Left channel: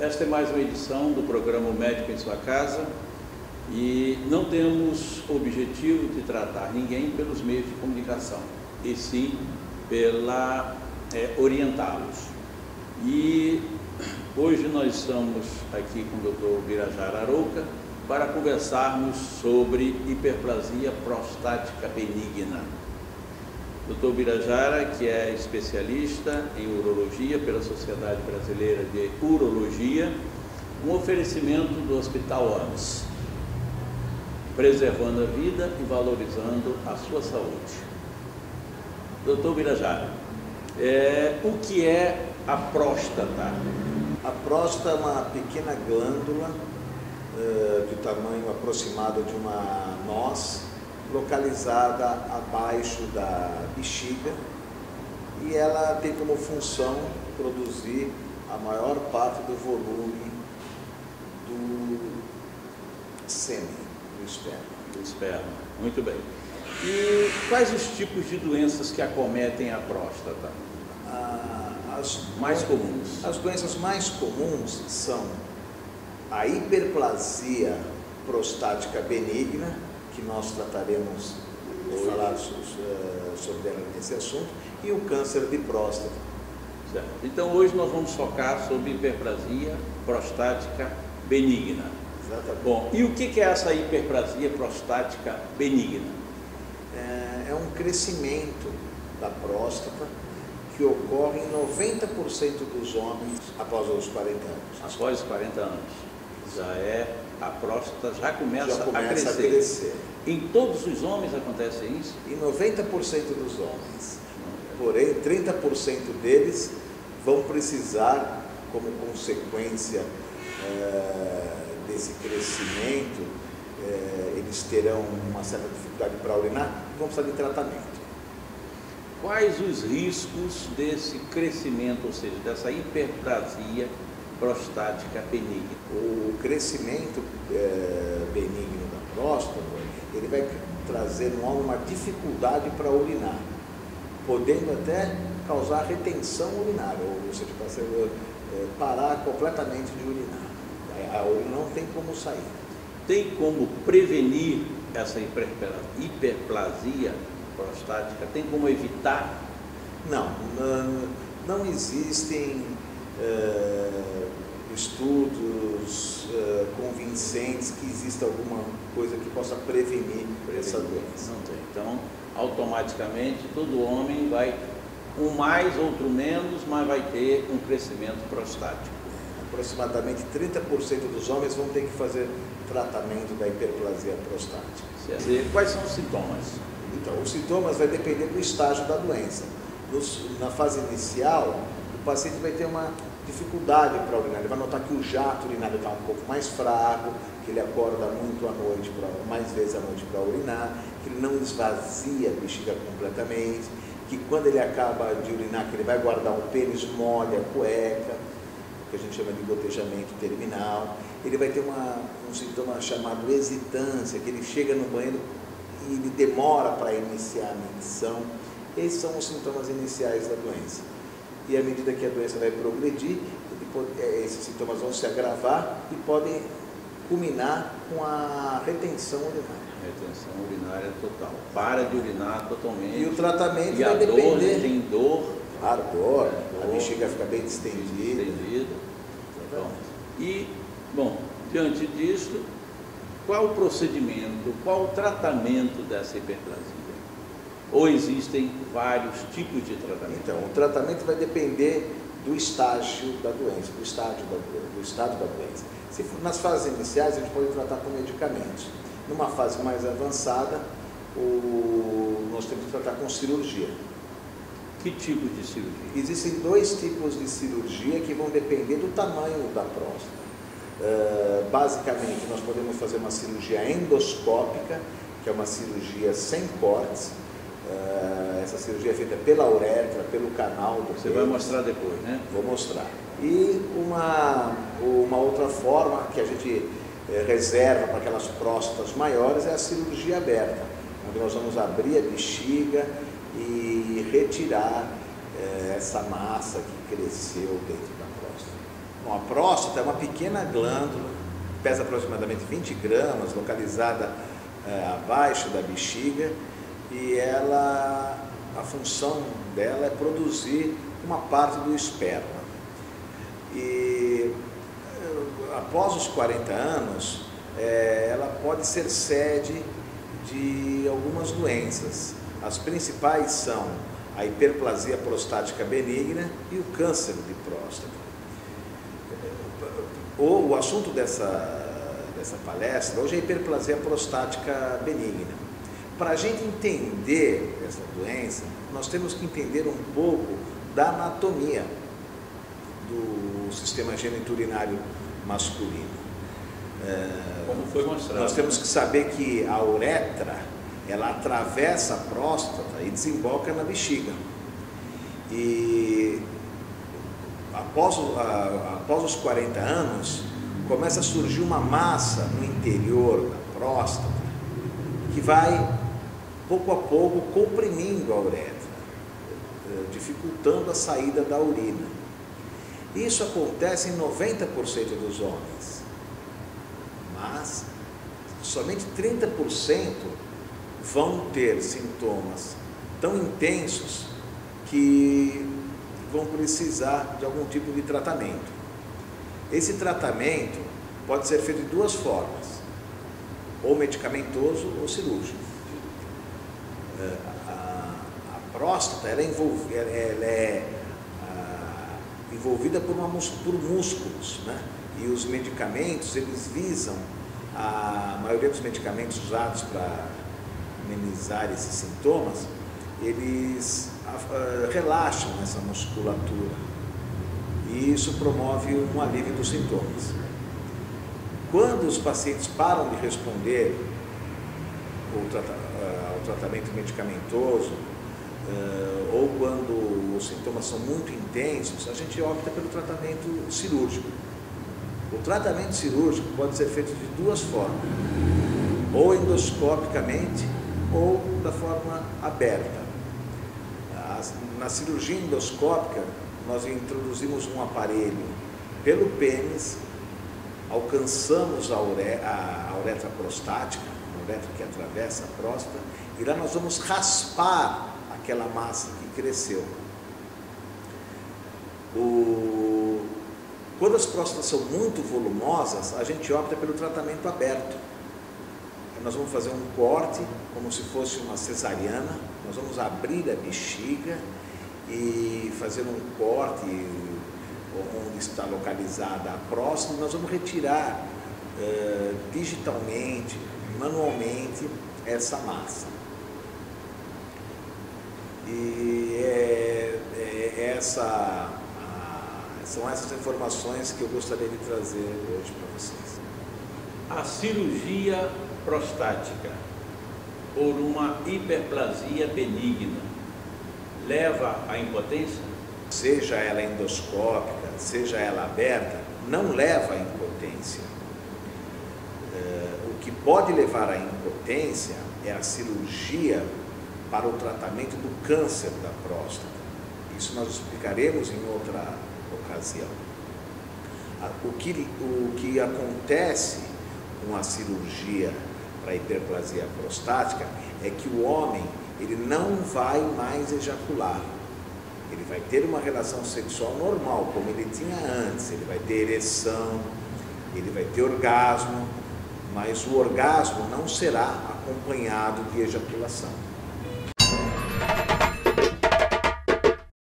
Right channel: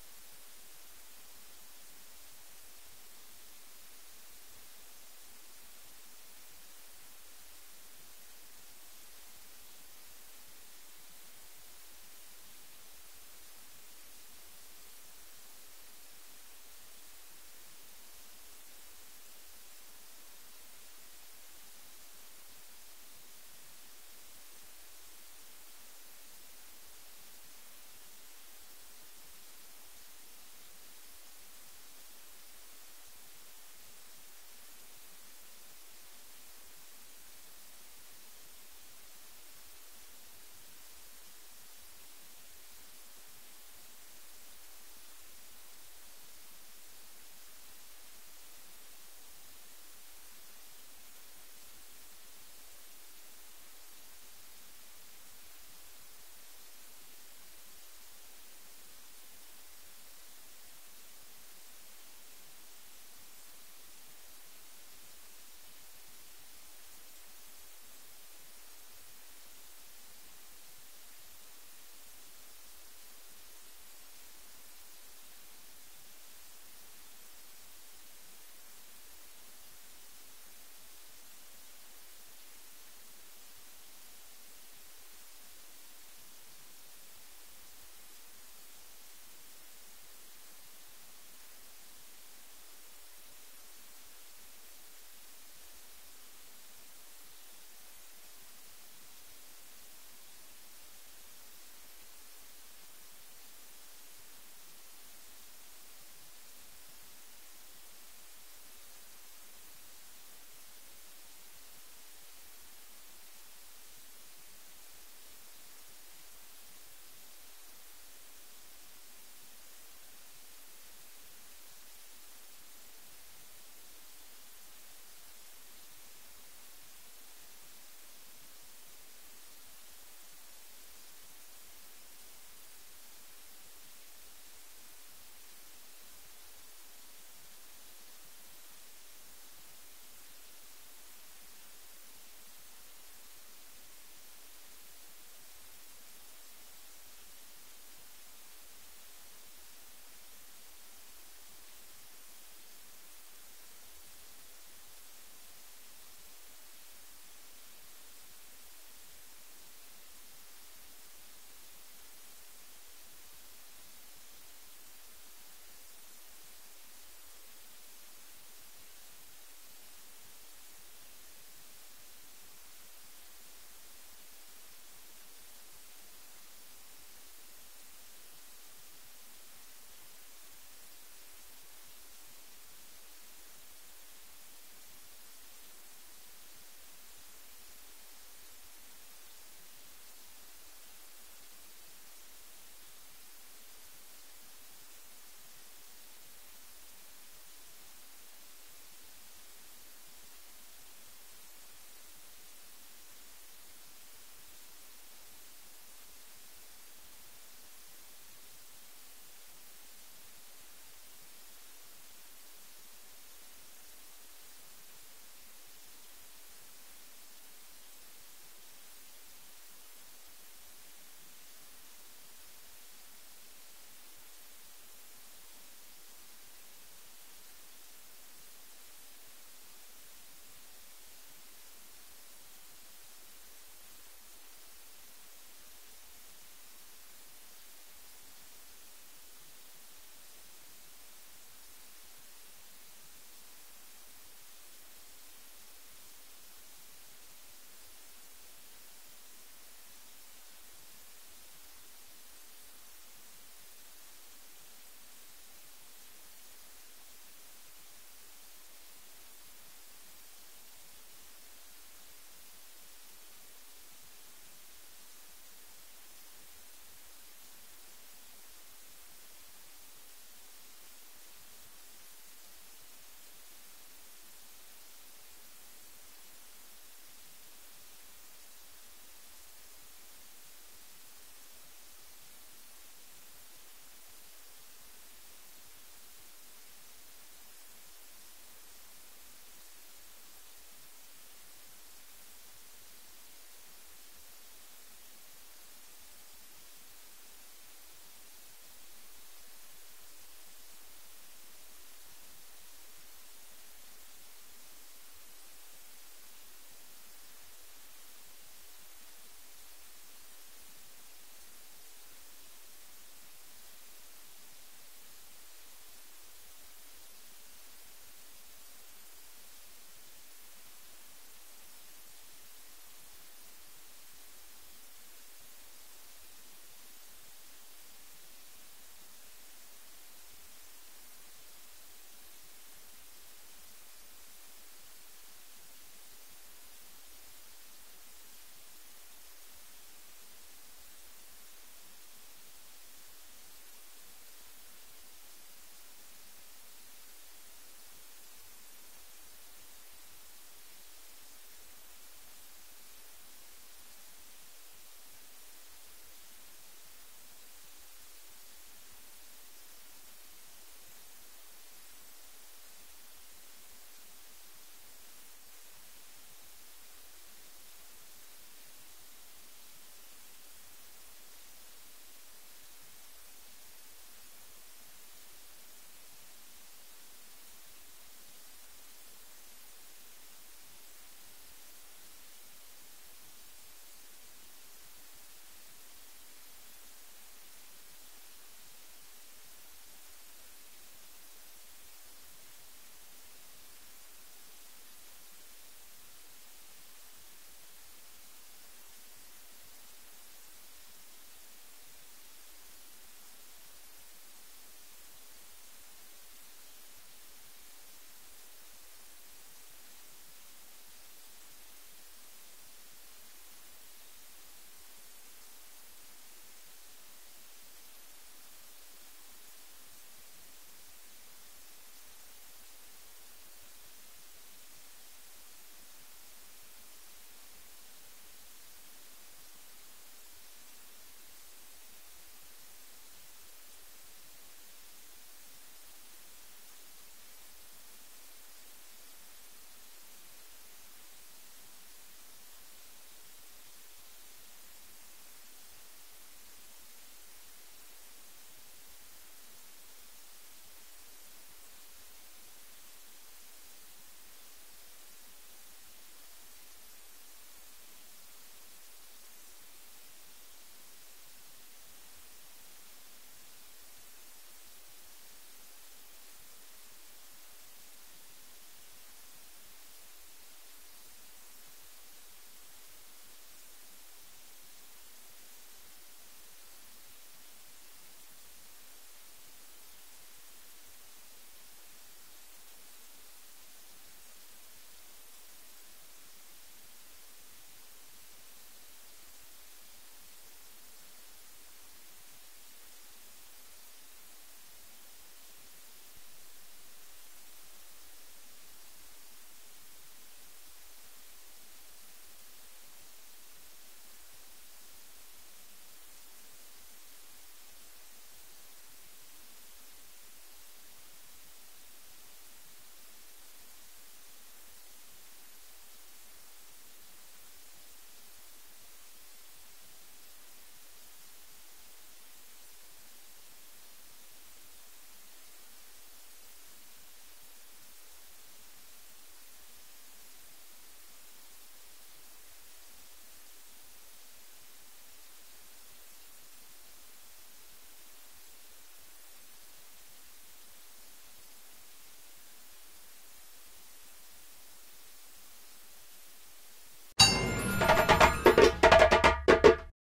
Esta é mais uma edição do programa Médico em Sua Casa e não temos o objetivo de tratar ninguém pelos meios de comunicação, e sim pela orientá-los. E hoje nós estamos aqui com o Dr. Birajara Arouca para conversarmos sobre hiperplasia prostática benigna. Dr. Birajara, que é especialista em urologia pela Sociedade Brasileira de Urologia, um oferecimento do Hospital AMS, preservando a vida e valorizando a sua saúde. Dr. Birajara, o que é a próstata? A próstata é uma pequena glândula de tamanho aproximado de uma noz, localizada abaixo da bexiga, e ela tem como função produzir a maior parte do volume do sêmen, do esperma. Do esperma, muito bem. E quais os tipos de doenças que acometem a próstata? As mais comuns. As doenças mais comuns são a hiperplasia prostática benigna, que nós trataremos de falar sobre ela nesse assunto, e o câncer de próstata. Certo. Então hoje nós vamos focar sobre hiperplasia prostática benigna. Exatamente. Bom, e o que é essa hiperplasia prostática benigna? É um crescimento da próstata que ocorre em 90% dos homens após os 40 anos. Após os 40 anos. A próstata já começa a crescer. Em todos os homens acontece isso? Em 90% dos homens. Porém, 30% deles vão precisar, como consequência desse crescimento, eles terão uma certa dificuldade para urinar e vão precisar de tratamento. Quais os riscos desse crescimento, ou seja, dessa hiperplasia prostática benigna? O crescimento benigno da próstata, ele vai trazer no homem uma dificuldade para urinar, podendo até causar retenção urinária, ou seja, parar completamente de urinar. A urina não tem como sair. Tem como prevenir essa hiperplasia prostática? Tem como evitar? Não existem estudos convincentes que exista alguma coisa que possa prevenir essa doença. Não tem. Então, automaticamente, todo homem vai, um mais, outro menos, mas vai ter um crescimento prostático. Aproximadamente 30% dos homens vão ter que fazer tratamento da hiperplasia prostática. Certo. E quais são os sintomas? Então, os sintomas vai depender do estágio da doença. Na fase inicial, o paciente vai ter uma dificuldade para urinar, ele vai notar que o jato urinário está um pouco mais fraco, que ele acorda muito à noite, mais vezes à noite para urinar, que ele não esvazia a bexiga completamente, que quando ele acaba de urinar, que ele vai guardar o pênis, molha a cueca, que a gente chama de gotejamento terminal. Ele vai ter um sintoma chamado hesitância, que ele chega no banheiro e ele demora para iniciar a medição. Esses são os sintomas iniciais da doença. E à medida que a doença vai progredir, esses sintomas vão se agravar e podem culminar com a retenção urinária. Retenção urinária total. Para de urinar totalmente. E o tratamento e vai depender. depender. Tem dor. Ardor, a bexiga fica bem distendida. Bom, diante disso, qual o procedimento, qual o tratamento dessa hiperplasia? Ou existem vários tipos de tratamento? Então, o tratamento vai depender do estágio da doença, do estado da doença. Se for nas fases iniciais, a gente pode tratar com medicamentos. Numa fase mais avançada, nós temos que tratar com cirurgia. Que tipo de cirurgia? Existem dois tipos de cirurgia que vão depender do tamanho da próstata. Basicamente, nós podemos fazer uma cirurgia endoscópica, que é uma cirurgia sem cortes. Essa cirurgia é feita pela uretra, pelo canal do Você vai mostrar depois, né? Vou mostrar. E uma outra forma que a gente reserva para aquelas próstatas maiores é a cirurgia aberta, onde nós vamos abrir a bexiga e retirar essa massa que cresceu dentro da próstata. Bom, a próstata é uma pequena glândula, pesa aproximadamente 20 gramas, localizada abaixo da bexiga, e a função dela é produzir uma parte do esperma. E após os 40 anos, ela pode ser sede de algumas doenças. As principais são a hiperplasia prostática benigna e o câncer de próstata. O assunto dessa palestra hoje é a hiperplasia prostática benigna. Para a gente entender essa doença, nós temos que entender um pouco da anatomia do sistema geniturinário masculino. Como foi mostrado. Nós temos que saber que a uretra, ela atravessa a próstata e desemboca na bexiga. E após os 40 anos, começa a surgir uma massa no interior da próstata que vai, pouco a pouco, comprimindo a uretra, dificultando a saída da urina. Isso acontece em 90% dos homens, mas somente 30% vão ter sintomas tão intensos que vão precisar de algum tipo de tratamento. Esse tratamento pode ser feito de duas formas, ou medicamentoso ou cirúrgico. A próstata ela é envolvida por músculos, né? E os medicamentos, eles visam, a maioria dos medicamentos usados para amenizar esses sintomas, eles relaxam essa musculatura e isso promove um alívio dos sintomas. Quando os pacientes param de responder ao tratamento medicamentoso, ou quando os sintomas são muito intensos, a gente opta pelo tratamento cirúrgico. O tratamento cirúrgico pode ser feito de duas formas, ou endoscopicamente ou da forma aberta. Na cirurgia endoscópica, nós introduzimos um aparelho pelo pênis, alcançamos a uretra prostática, a uretra que atravessa a próstata, e lá nós vamos raspar aquela massa que cresceu. Quando as próstatas são muito volumosas, a gente opta pelo tratamento aberto. Nós vamos fazer um corte, como se fosse uma cesariana, nós vamos abrir a bexiga e fazer um corte onde está localizada a próstata, nós vamos retirar digitalmente, manualmente, essa massa. E são essas informações que eu gostaria de trazer hoje para vocês. A cirurgia prostática por uma hiperplasia benigna leva à impotência? Seja ela endoscópica, seja ela aberta, não leva à impotência. O que pode levar à impotência é a cirurgia para o tratamento do câncer da próstata. Isso nós explicaremos em outra ocasião. O que acontece com a cirurgia para a hiperplasia prostática é que o homem ele não vai mais ejacular. Ele vai ter uma relação sexual normal, como ele tinha antes. Ele vai ter ereção, ele vai ter orgasmo, mas o orgasmo não será acompanhado de ejaculação.